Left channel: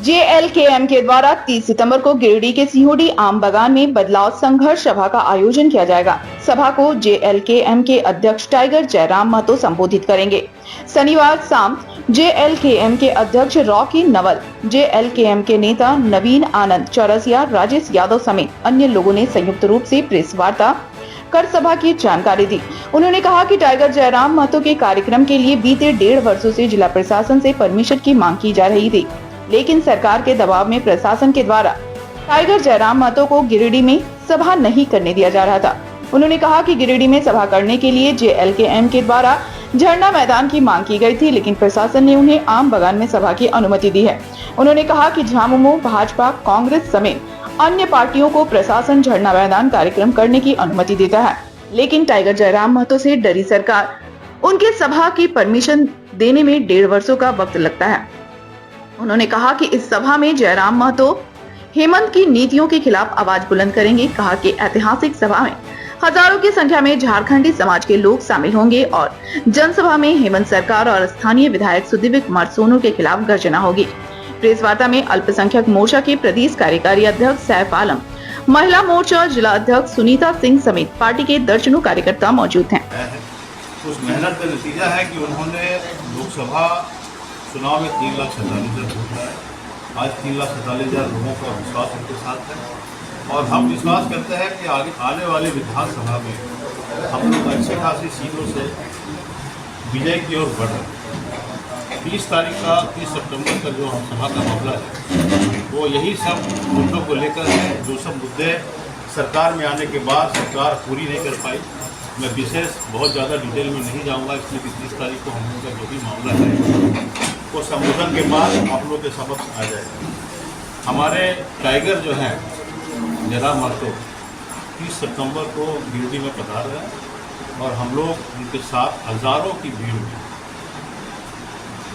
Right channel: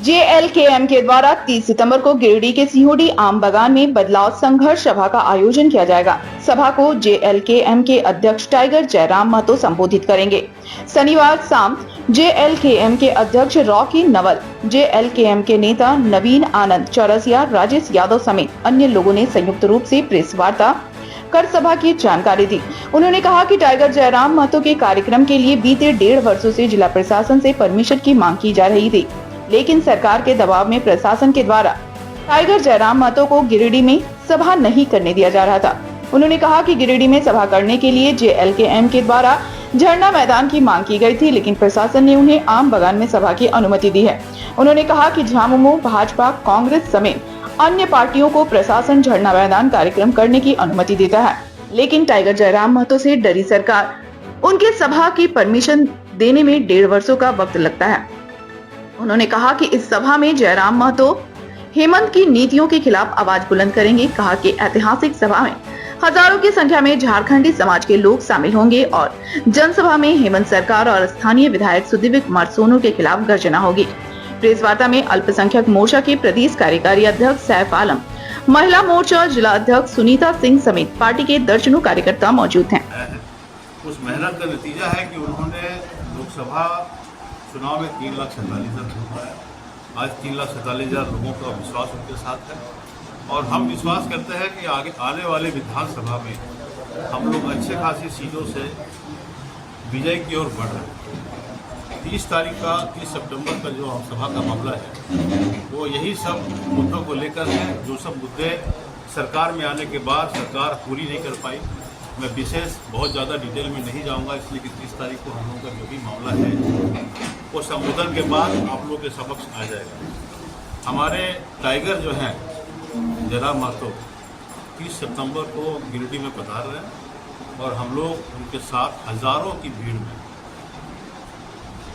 JLKM के द्वारा 30 सितंबर को गिरिडीह के सिहोडी आम बागान में बदलाव संघर्ष सभा का आयोजन किया जाएगा। सभा को जेएलकेएम के अध्यक्ष टाइगर जयराम महतो संबोधित करेंगे। शनिवार शाम जेएलकेएम के अध्यक्ष रॉकी नवल, जेएलकेएम के नेता नवीन आनंद चौरसिया, राजेश यादव समेत अन्य लोगों ने संयुक्त रूप से प्रेस वार्ता कर सभा की जानकारी दी। उन्होंने कहा कि टाइगर जयराम महतो के कार्यक्रम के लिए बीते 1.5 वर्षों से जिला प्रशासन से परमिशन की मांग की जा रही थी, लेकिन सरकार के दबाव में प्रशासन के द्वारा टाइगर जयराम महतो को गिरिडीह में सभा नहीं करने दिया जा रहा था। उन्होंने कहा कि गिरिडीह में सभा करने के लिए जेएलकेएम के द्वारा झरना मैदान की मांग की गई थी, लेकिन प्रशासन ने उन्हें आम बागान में सभा की अनुमति दी है। उन्होंने कहा कि झामुमो, भाजपा, कांग्रेस समेत अन्य पार्टियों को प्रशासन झरना मैदान कार्यक्रम करने की अनुमति देता है, लेकिन टाइगर जयराम महतो से डरी सरकार उनके सभा की परमिशन देने में 1.5 वर्षों का वक्त लगता है। उन्होंने कहा कि इस सभा में जयराम महतो हेमंत की नीतियों के खिलाफ आवाज बुलंद करेंगे। कहा कि ऐतिहासिक सभा में हजारों की संख्या में झारखंडी समाज के लोग शामिल होंगे और जनसभा में हेमंत सरकार और स्थानीय विधायक सुदीव्य कुमार सोनू के खिलाफ गर्जना होगी। प्रेस वार्ता में अल्पसंख्यक मोर्चा के प्रदेश कार्यकारी अध्यक्ष सैफ आलम, महिला मोर्चा जिला अध्यक्ष सुनीता सिंह समेत पार्टी के दर्जनों कार्यकर्ता मौजूद हैं। उस मेहनत का नतीजा है कि उन्होंने लोकसभा चुनाव में 3,47,000 वोट पाए। आज 3,47,000 लोगों का विश्वास उनके साथ है और हम विश्वास करते हैं कि आने वाले विधानसभा में हम लोग अच्छे खासी सीटों से विजय की ओर बढ़ रहे हैं। 30 सितंबर का जो हम सभा का मामला है वो यही सब मुद्दों को लेकर है, जो सब मुद्दे सरकार में आने के बाद सरकार पूरी नहीं कर पाई। मैं विशेष बहुत ज़्यादा डिटेल में नहीं जाऊंगा, इसलिए कि 30 तारीख को हम लोगों का जो भी मामला है वो संबोधन के बाद आप लोगों के समक्ष आ जाएगा। हमारे टाइगर जो हैं जयराम महतो 30 सितंबर को गिरिडीह में पधार रहे हैं और हम लोग उनके साथ हजारों की भीड़ में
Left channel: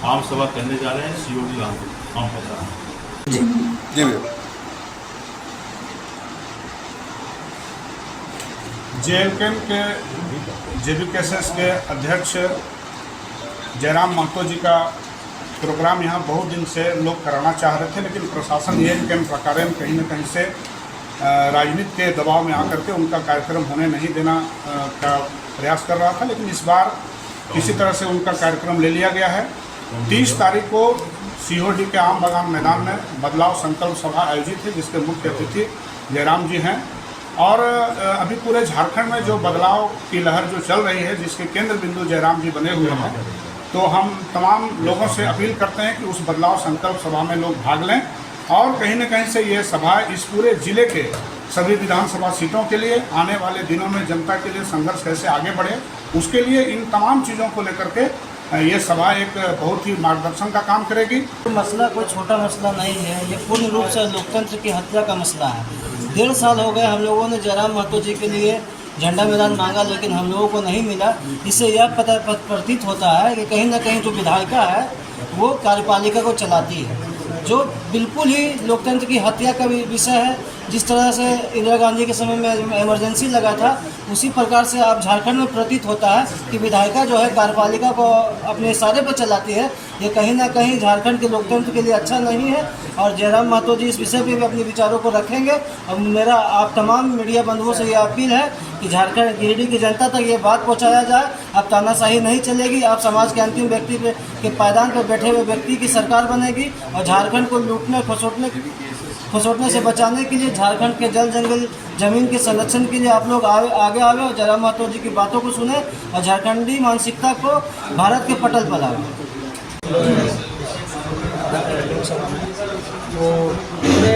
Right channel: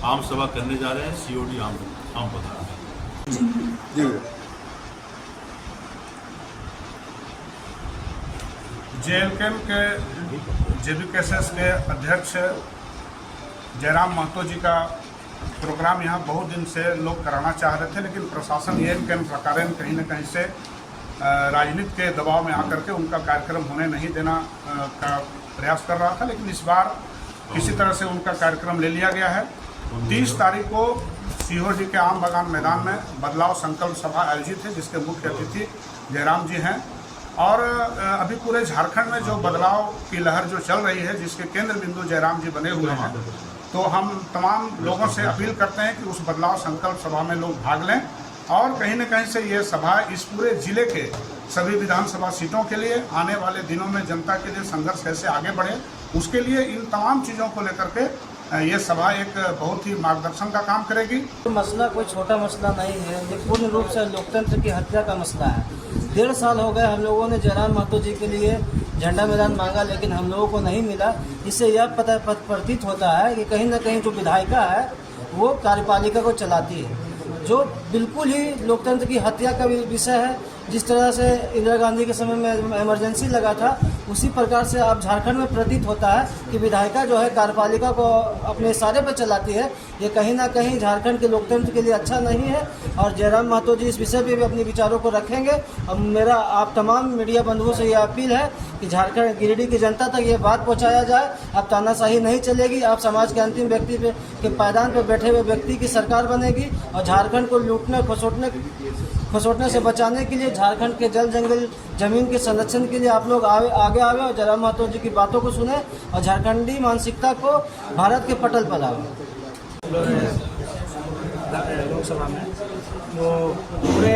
आम सभा करने जा रहे हैं। सीओडी आम पधार जी जेएलकेएम के जेबीकेएसएस के अध्यक्ष जयराम महतो जी का प्रोग्राम यहाँ बहुत दिन से लोग कराना चाह रहे थे, लेकिन प्रशासन जेएलकेएम प्रकार कहीं न कहीं से राजनीति के दबाव में आकर के उनका कार्यक्रम होने नहीं देना का प्रयास कर रहा था। लेकिन इस बार किसी तरह से उनका कार्यक्रम ले लिया गया है। 30 तारीख को सिहोडी के आम बागान मैदान में बदलाव संकल्प सभा आयोजित है, जिसके मुख्य अतिथि जयराम जी हैं। और अभी पूरे झारखंड में जो बदलाव की लहर जो चल रही है, जिसके केंद्र बिंदु जयराम जी बने हुए हैं, तो हम तमाम लोगों से अपील करते हैं कि उस बदलाव संकल्प सभा में लोग भाग लें और कहीं न कहीं से ये सभा इस पूरे जिले के सभी विधानसभा सीटों के लिए आने वाले दिनों में जनता के लिए संघर्ष कैसे आगे बढ़े, उसके लिए इन तमाम चीज़ों को लेकर के ये सभा एक बहुत ही मार्गदर्शन का काम करेगी। मसला कोई छोटा मसला नहीं है, ये पूर्ण रूप से लोकतंत्र की हत्या का मसला है। 1.5 साल हो गए हम लोगों ने जयराम महतो जी के लिए झंडा मैदान मांगा, लेकिन हम लोगों को नहीं मिला। इससे यह प्रतीत होता है कि कहीं ना कहीं जो विधायिका है वो कार्यपालिका को चलाती है, जो बिल्कुल ही लोकतंत्र की हत्या का विषय है। जिस तरह से इंदिरा गांधी के समय में इमरजेंसी लगा था, उसी प्रकार से अब झारखंड में प्रतीत होता है कि विधायिका जो है कार्यपालिका को अपने इशारे पर चलाती है। ये कहीं ना कहीं झारखंड के लोकतंत्र के लिए अच्छा नहीं है और जयराम महतो जी इस विषय पे भी अपने विचारों को रखेंगे। अब मेरा आप तमाम मीडिया बंधुओं से यह अपील है कि झारखंड गिरिडीह की जनता तक ये बात पहुँचाया जाए। अब तानाशाही नहीं चलेगी, अब समाज के अंतिम व्यक्ति के पायदान पर बैठे हुए व्यक्ति की सरकार बनेगी और झारखंड को लूटने खसोटने से बचाने के लिए, झारखंड के जल जंगल जमीन के संरक्षण के लिए आप लोग आगे आवे और जयराम महतो जी की बातों को सुने और झारखंडी मानसिकता को भारत के पटल पर लावे। वो पूरे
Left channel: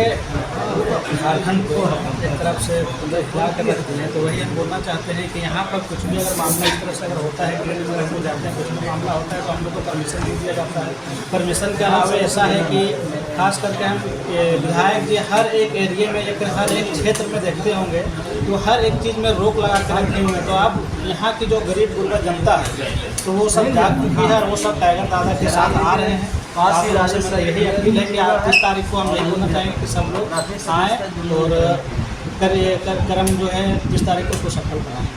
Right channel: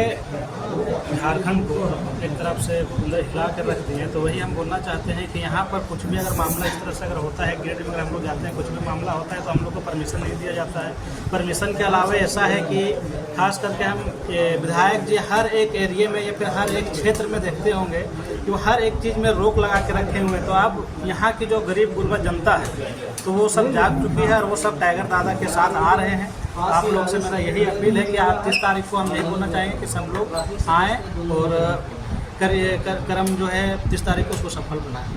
झारखंड को एक तरफ से हिला कर रखते हैं। तो वही हम बोलना चाहते हैं कि यहाँ पर कुछ भी अगर मामला इस तरह से अगर होता है, गिरिडीह में हम लोग जाते हैं, कुछ भी मामला होता है तो हम लोग को परमिशन नहीं दिया जाता है। परमिशन के अलावा ऐसा है कि खास करके हम विधायक जी हर एक एरिए में या फिर हर एक क्षेत्र में देखते होंगे तो हर एक चीज़ में रोक लगा के रखे हुए हैं। तो आप यहाँ की जो गरीब गुरबा जनता है तो वो सब जाग चुकी है और वो सब टाइगर दादा के साथ आ रहे हैं। आप लोगों से मेरा यही अपील है कि आप 30 तारीख को हम यही बोलना चाहेंगे कि सब लोग आएँ और कर्म जो है 30 तारीख को उसको सफल बनाएं।